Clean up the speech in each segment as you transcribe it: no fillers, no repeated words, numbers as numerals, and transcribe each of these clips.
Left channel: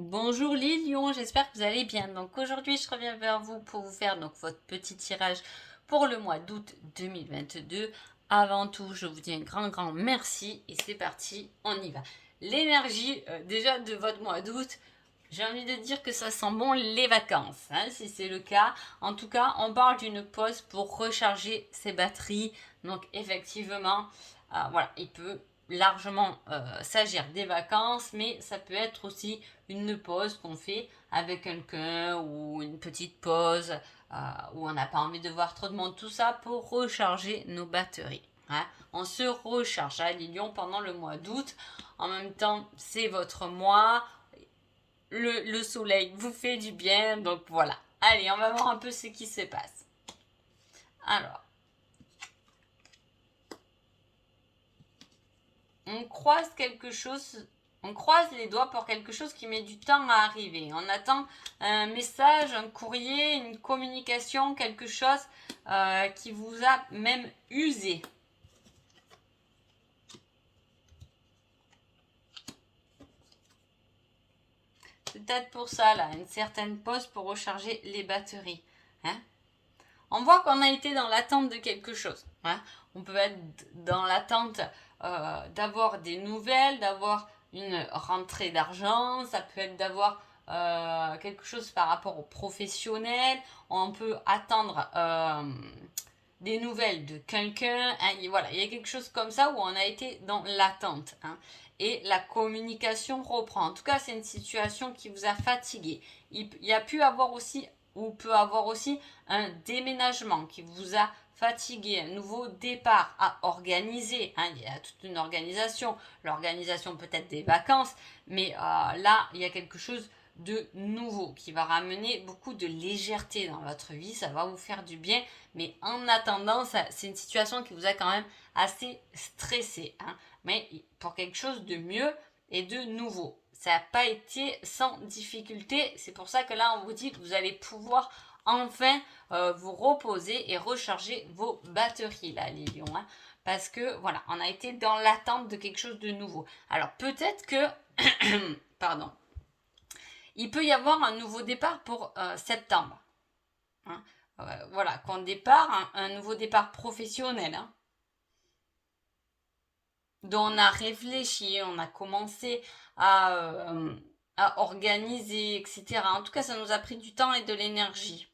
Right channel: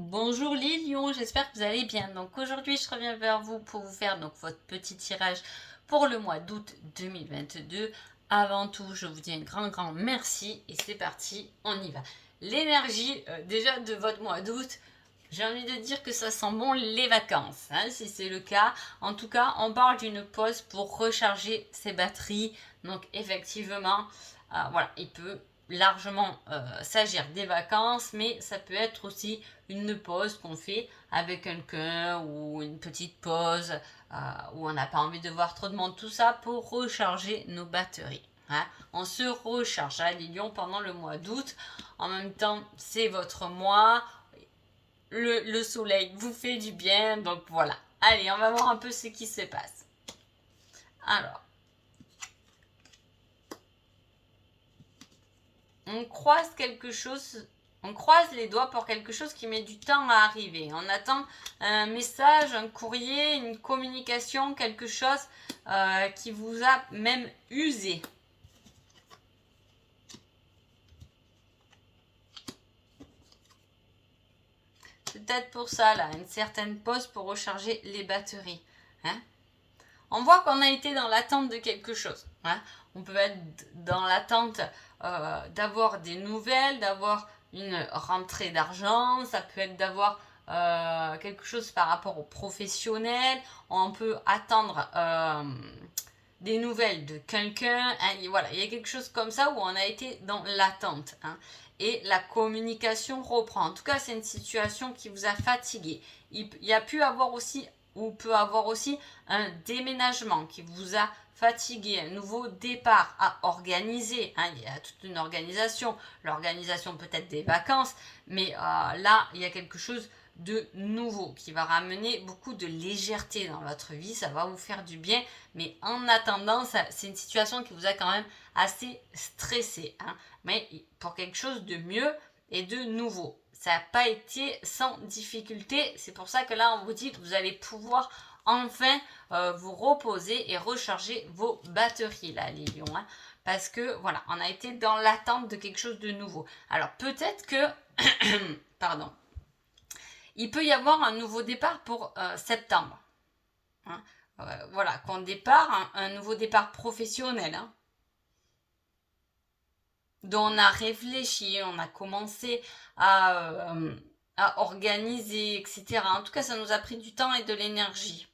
Bonjour les lions, j'espère que vous allez bien. Donc aujourd'hui, je reviens vers vous pour vous faire donc votre petit tirage pour le mois d'août 2022. Avant tout, je vous dis un grand merci et c'est parti, on y va. L'énergie déjà de votre mois d'août, j'ai envie de dire que ça sent bon les vacances, hein, si c'est le cas. En tout cas, on parle d'une pause pour recharger ses batteries. Donc effectivement, voilà, il peut largement s'agir des vacances, mais ça peut être aussi une pause qu'on fait avec quelqu'un ou une petite pause où on n'a pas envie de voir trop de monde, tout ça pour recharger nos batteries. Hein. On se recharge à Lyon pendant le mois d'août. En même temps, c'est votre mois. Le soleil vous fait du bien, donc voilà. Allez, on va voir un peu ce qui se passe. Alors, on croise quelque chose, on croise les doigts pour quelque chose qui met du temps à arriver. On attend un message, un courrier, une communication, quelque chose qui vous a même usé. C'est peut-être pour ça, là, une certaine pause pour recharger les batteries. Hein. On voit qu'on a été dans l'attente de quelque chose. Hein. On peut être dans l'attente d'avoir des nouvelles, d'avoir une rentrée d'argent, ça peut être d'avoir quelque chose par rapport aux professionnels, on peut attendre des nouvelles de quelqu'un, hein, voilà, il y a quelque chose comme ça où on a été dans l'attente. Hein. Et la communication reprend. En tout cas, c'est une situation qui vous a fatigué. Il y a pu avoir aussi, ou peut avoir aussi, un déménagement qui vous a fatigué, un nouveau départ à organiser. Hein, il y a toute une organisation, l'organisation peut-être des vacances, mais là, il y a quelque chose de nouveau qui va ramener beaucoup de légèreté dans votre vie, ça va vous faire du bien, mais en attendant, c'est une situation qui vous a quand même assez stressé, hein, mais pour quelque chose de mieux et de nouveau. Ça n'a pas été sans difficulté, c'est pour ça que là on vous dit que vous allez pouvoir enfin vous reposer et recharger vos batteries là les lions, hein, parce que voilà, on a été dans l'attente de quelque chose de nouveau. Alors peut-être que pardon, il peut y avoir un nouveau départ pour septembre. Hein. Voilà, qu'on départ, un nouveau départ professionnel, hein, dont on a réfléchi, on a commencé à organiser, etc. En tout cas, ça nous a pris du temps et de l'énergie.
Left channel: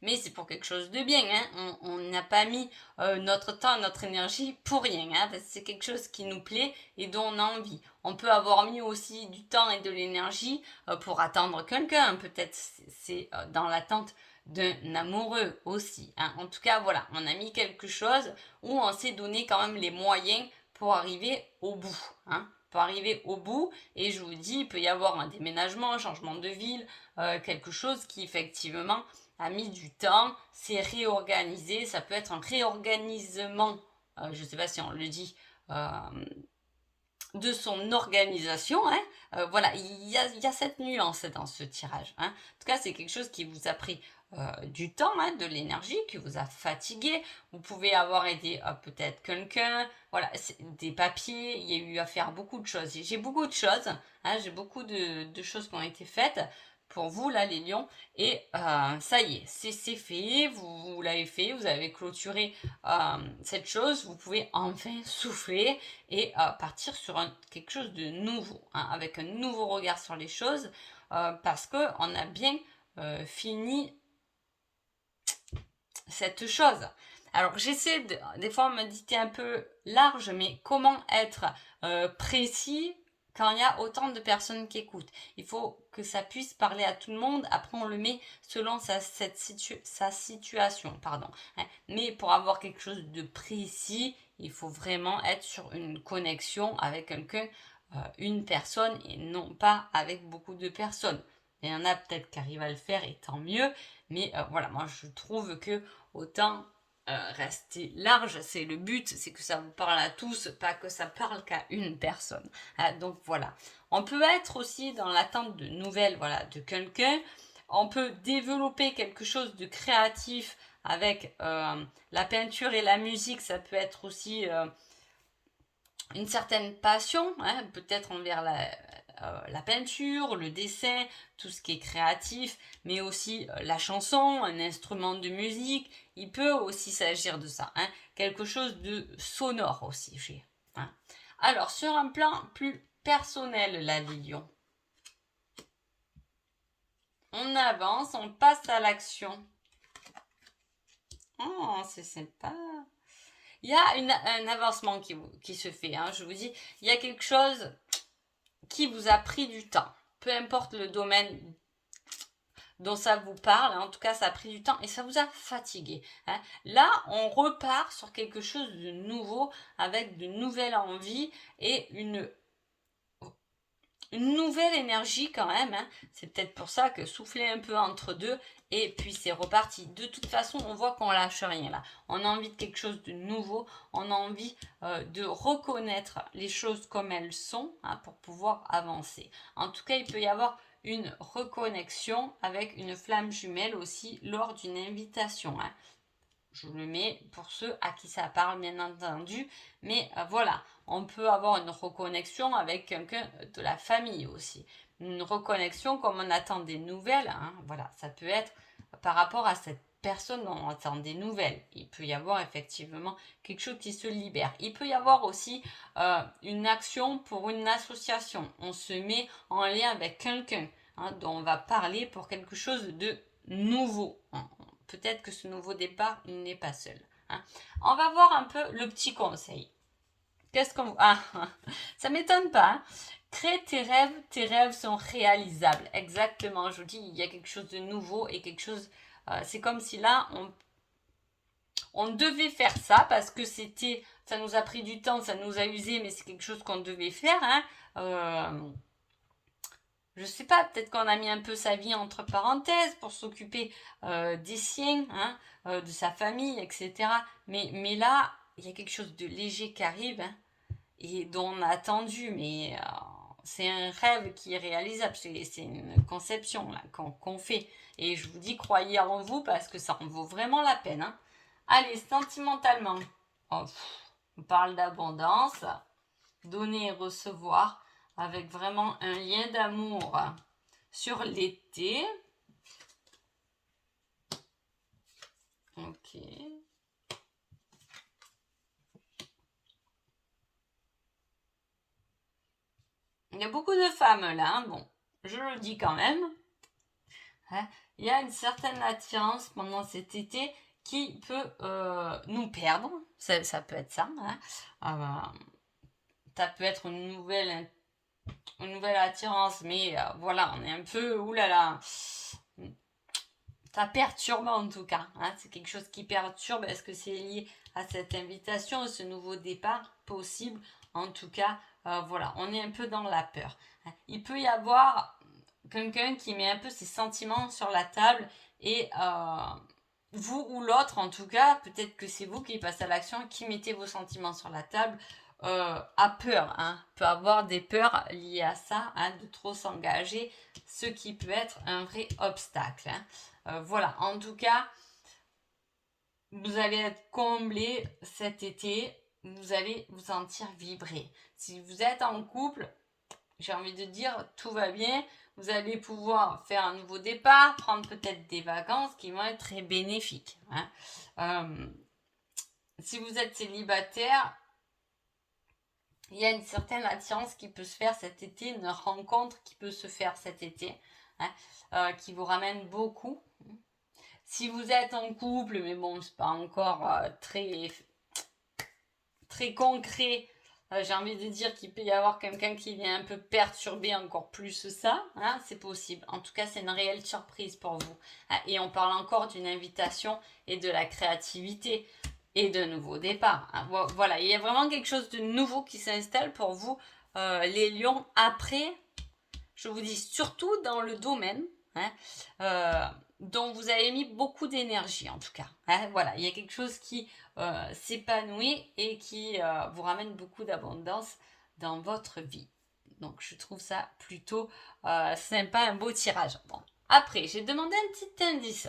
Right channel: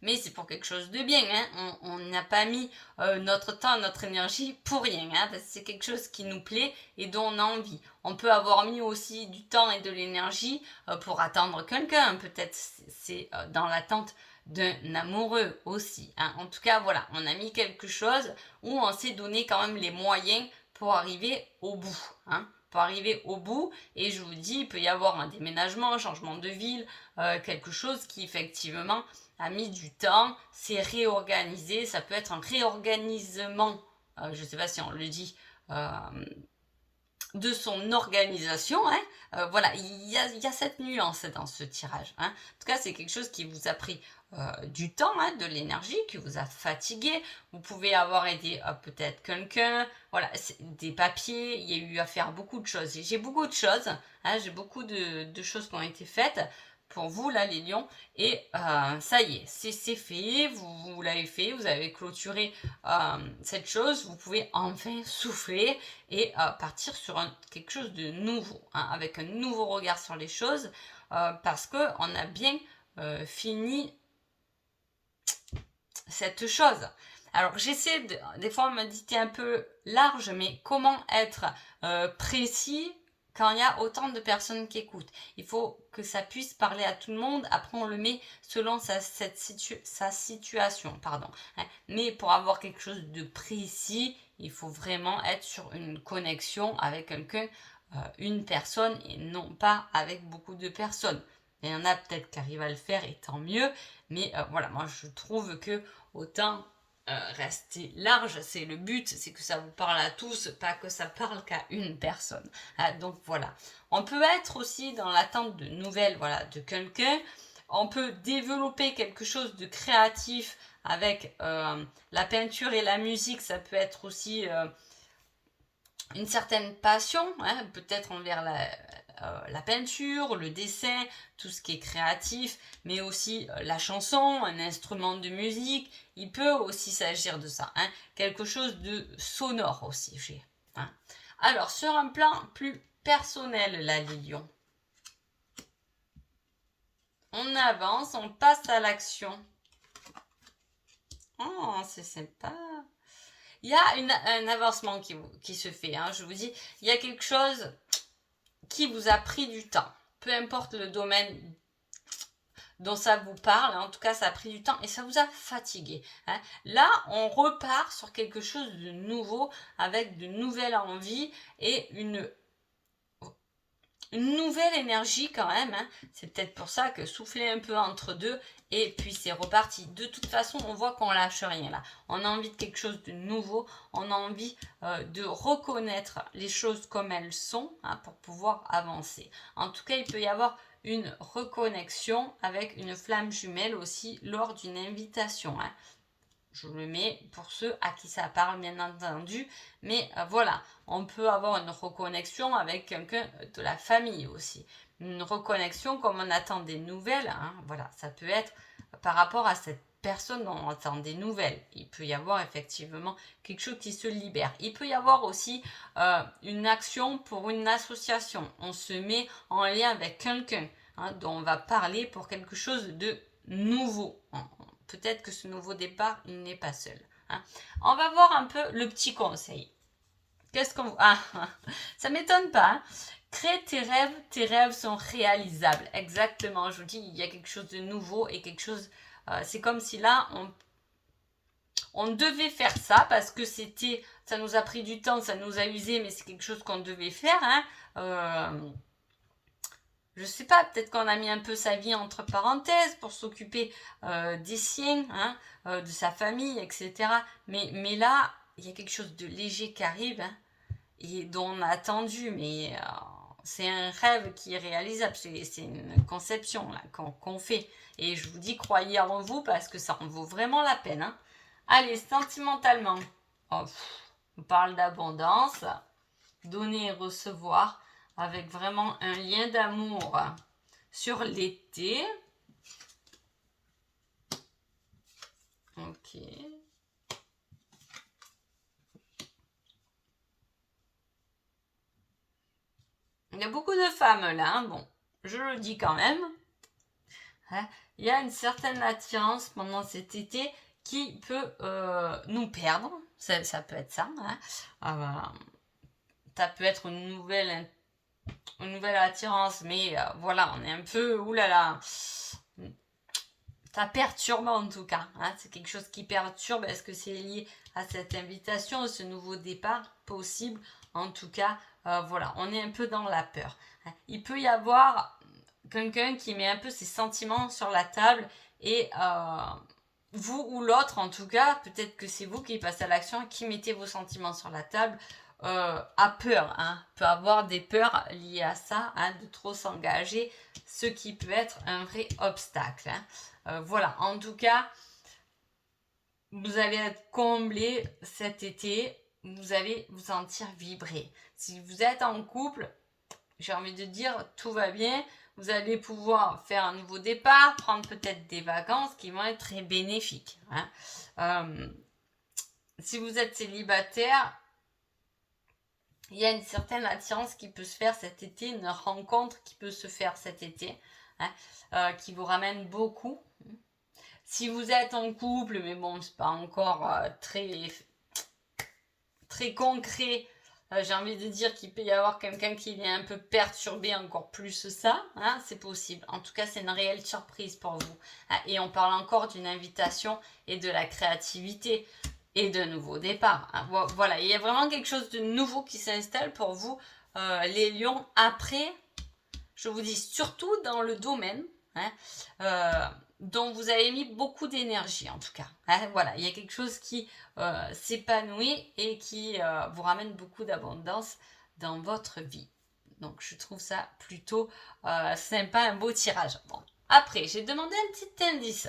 Mais c'est pour quelque chose de bien, hein. On n'a pas mis notre temps, notre énergie pour rien, hein, parce que c'est quelque chose qui nous plaît et dont on a envie. On peut avoir mis aussi du temps et de l'énergie pour attendre quelqu'un, peut-être c'est dans l'attente d'un amoureux aussi. Hein. En tout cas, voilà, on a mis quelque chose où on s'est donné quand même les moyens pour arriver au bout. Hein. Pour arriver au bout, et je vous dis, il peut y avoir un déménagement, un changement de ville, quelque chose qui effectivement a mis du temps, c'est réorganisé, ça peut être un réorganisement, je ne sais pas si on le dit, de son organisation. Hein. Voilà, il y a cette nuance dans ce tirage. Hein. En tout cas, c'est quelque chose qui vous a pris du temps, hein, de l'énergie, qui vous a fatigué. Vous pouvez avoir aidé peut-être quelqu'un, voilà, des papiers, il y a eu à faire beaucoup de choses. J'ai beaucoup de choses, hein, j'ai beaucoup de choses qui ont été faites pour vous, là, les lions. Et ça y est, c'est fait, vous l'avez fait, vous avez clôturé cette chose, vous pouvez enfin souffler et partir sur quelque chose de nouveau, hein, avec un nouveau regard sur les choses, parce qu'on a bien fini cette chose. Alors j'essaie des fois de méditer un peu large, mais comment être précis quand il y a autant de personnes qui écoutent. Il faut que ça puisse parler à tout le monde. Après, on le met selon sa situation. Pardon. Hein. Mais pour avoir quelque chose de précis, il faut vraiment être sur une connexion avec quelqu'un, une personne, et non pas avec beaucoup de personnes. Il y en a peut-être qui arrivent à le faire, et tant mieux. Mais voilà, moi je trouve que autant rester large, c'est le but, c'est que ça vous parle à tous, pas que ça parle qu'à une personne. Donc voilà. On peut être aussi dans l'attente de nouvelles, voilà, de quelqu'un. On peut développer quelque chose de créatif avec la peinture et la musique. Ça peut être aussi une certaine passion, hein, peut-être envers la peinture, le dessin, tout ce qui est créatif, mais aussi la chanson, un instrument de musique. Il peut aussi s'agir de ça, hein. Quelque chose de sonore aussi. Hein. Alors, sur un plan plus personnel, là, les lions, on avance, on passe à l'action. Oh, c'est sympa. Il y a un avancement qui se fait, hein, je vous dis. Il y a quelque chose qui vous a pris du temps. Peu importe le domaine dont ça vous parle, en tout cas, ça a pris du temps et ça vous a fatigué. Hein. Là, on repart sur quelque chose de nouveau, avec de nouvelles envies et une nouvelle énergie quand même. Hein. C'est peut-être pour ça que souffler un peu entre deux et puis c'est reparti. De toute façon, on voit qu'on lâche rien là. On a envie de quelque chose de nouveau. On a envie de reconnaître les choses comme elles sont, hein, pour pouvoir avancer. En tout cas, il peut y avoir une reconnexion avec une flamme jumelle aussi lors d'une invitation. Hein. Je le mets pour ceux à qui ça parle, bien entendu. Mais voilà, on peut avoir une reconnexion avec quelqu'un de la famille aussi. Une reconnexion comme on attend des nouvelles. Hein, voilà, ça peut être par rapport à cette personne dont on attend des nouvelles. Il peut y avoir effectivement quelque chose qui se libère. Il peut y avoir aussi une action pour une association. On se met en lien avec quelqu'un, hein, dont on va parler pour quelque chose de nouveau. Peut-être que ce nouveau départ, il n'est pas seul. Hein. On va voir un peu le petit conseil. Qu'est-ce qu'on... Ah, ça ne m'étonne pas. Hein. Crée tes rêves sont réalisables. Exactement, je vous dis, il y a quelque chose de nouveau et quelque chose... c'est comme si là, on devait faire ça parce que c'était... Ça nous a pris du temps, ça nous a usé, mais c'est quelque chose qu'on devait faire. Hein. Je sais pas, peut-être qu'on a mis un peu sa vie entre parenthèses pour s'occuper des siens, hein, de sa famille, etc. Mais là, il y a quelque chose de léger qui arrive, hein, et dont on a attendu, mais c'est un rêve qui est réalisable, c'est une conception là, qu'on fait. Et je vous dis, croyez en vous parce que ça en vaut vraiment la peine. Hein. Allez, sentimentalement, oh, on parle d'abondance, donner et recevoir, avec vraiment un lien d'amour sur l'été. Ok. Il y a beaucoup de femmes là, hein. Bon, je le dis quand même. Hein, il y a une certaine attirance pendant cet été qui peut nous perdre. Ça peut être ça. Hein. Ça peut être une nouvelle attirance, mais voilà, on est un peu, oulala, ça perturbe en tout cas. Hein, c'est quelque chose qui perturbe. Est-ce que c'est lié à cette invitation, ce nouveau départ possible? En tout cas, voilà, on est un peu dans la peur. Hein. Il peut y avoir quelqu'un qui met un peu ses sentiments sur la table et vous ou l'autre, en tout cas, peut-être que c'est vous qui passez à l'action, qui mettez vos sentiments sur la table, a peur, hein, peut avoir des peurs liées à ça, hein, de trop s'engager, ce qui peut être un vrai obstacle. Hein. Voilà, en tout cas, vous allez être comblé cet été, vous allez vous sentir vibrer. Si vous êtes en couple, j'ai envie de dire, tout va bien, vous allez pouvoir faire un nouveau départ, prendre peut-être des vacances qui vont être très bénéfiques. Hein. Si vous êtes célibataire, il y a une certaine attirance qui peut se faire cet été, une rencontre qui peut se faire cet été, hein, qui vous ramène beaucoup. Si vous êtes en couple, mais bon, c'est pas encore très concret, j'ai envie de dire qu'il peut y avoir quelqu'un qui vient un peu perturber encore plus ça, hein, c'est possible. En tout cas, c'est une réelle surprise pour vous. Hein, et on parle encore d'une invitation et de la créativité et de nouveaux départs. Hein. Voilà, il y a vraiment quelque chose de nouveau qui s'installe pour vous, les lions. Après, je vous dis surtout dans le domaine, hein, dont vous avez mis beaucoup d'énergie en tout cas. Hein, voilà, il y a quelque chose qui s'épanouit et qui vous ramène beaucoup d'abondance dans votre vie. Donc je trouve ça plutôt sympa, un beau tirage. Bon. Après, j'ai demandé un petit indice.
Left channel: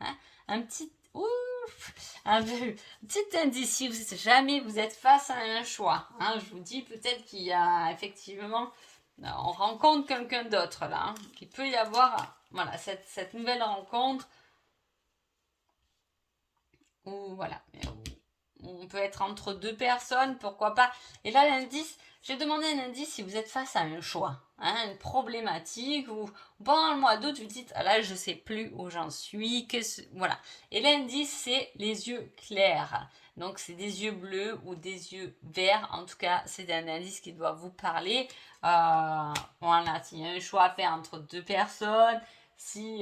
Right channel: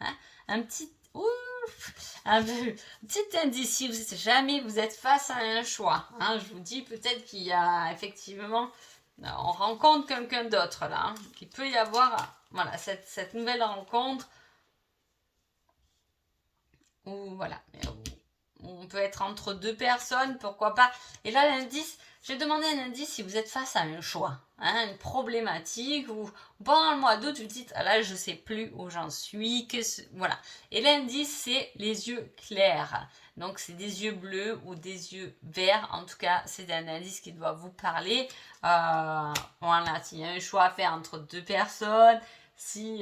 Hein, un petit indice si jamais vous êtes face à un choix. Hein, je vous dis peut-être qu'il y a effectivement on rencontre quelqu'un d'autre là. Hein. Il peut y avoir voilà, cette nouvelle rencontre où voilà, on peut être entre deux personnes, pourquoi pas. Et là, l'indice, j'ai demandé un indice si vous êtes face à un choix, hein, une problématique, ou pendant le mois d'août, vous dites, ah là, je sais plus où j'en suis, voilà. Et l'indice, c'est les yeux clairs. Donc, c'est des yeux bleus ou des yeux verts. En tout cas, c'est un indice qui doit vous parler. Voilà, s'il y a un choix à faire entre deux personnes, si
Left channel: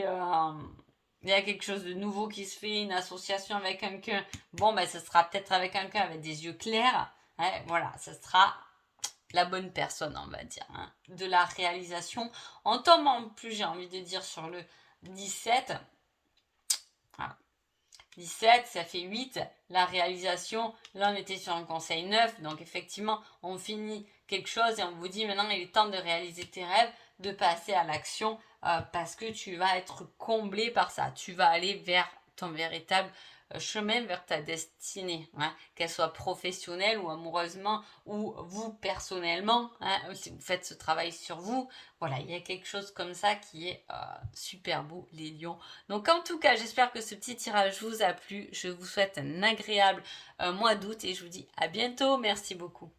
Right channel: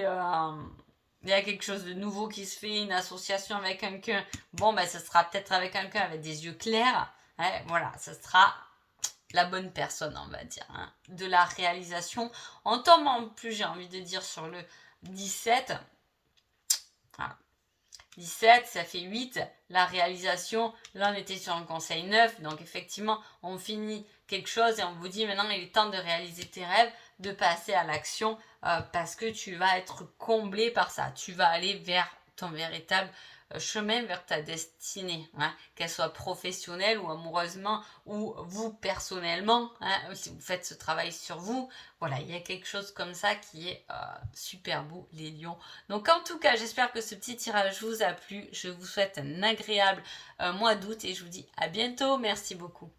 il y a quelque chose de nouveau qui se fait, une association avec quelqu'un, bon, ben, ce sera peut-être avec quelqu'un avec des yeux clairs. Hein, voilà, ce sera la bonne personne, on va dire. Hein. De la réalisation. On tombe en plus, j'ai envie de dire, sur le 17. Voilà. 17, ça fait 8. La réalisation, là, on était sur un conseil 9. Donc, effectivement, on finit quelque chose et on vous dit maintenant, il est temps de réaliser tes rêves, de passer à l'action parce que tu vas être comblé par ça. Tu vas aller vers ton véritable chemin, vers ta destinée, hein, qu'elle soit professionnelle ou amoureusement ou vous personnellement, hein, si vous faites ce travail sur vous. Voilà, il y a quelque chose comme ça qui est super beau, les lions. Donc en tout cas, j'espère que ce petit tirage vous a plu. Je vous souhaite un agréable mois d'août et je vous dis à bientôt. Merci beaucoup.